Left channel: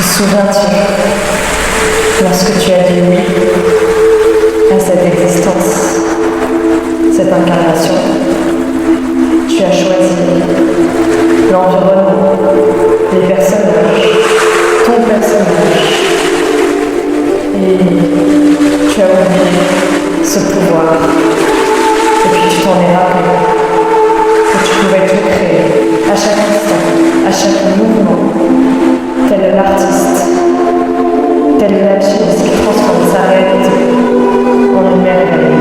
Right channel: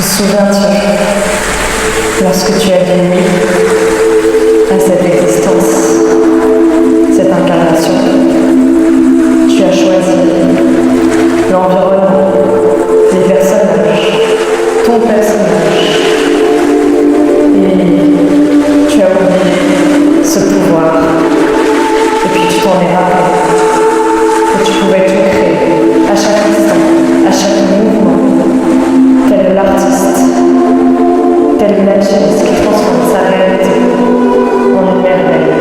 Te souviens-tu, lorsque tu as dit oui à cette existence, cette incarnation, tu as choisi l'environnement, les personnages, ton personnage, et tu as oublié ce pouvoir, et puis tu t'en es rappelé, que tu pouvais tout créer, à chaque instant, à chaque mouvement, tel l'artiste, tel l'alchimiste qui transforme sa réalité en une merveille.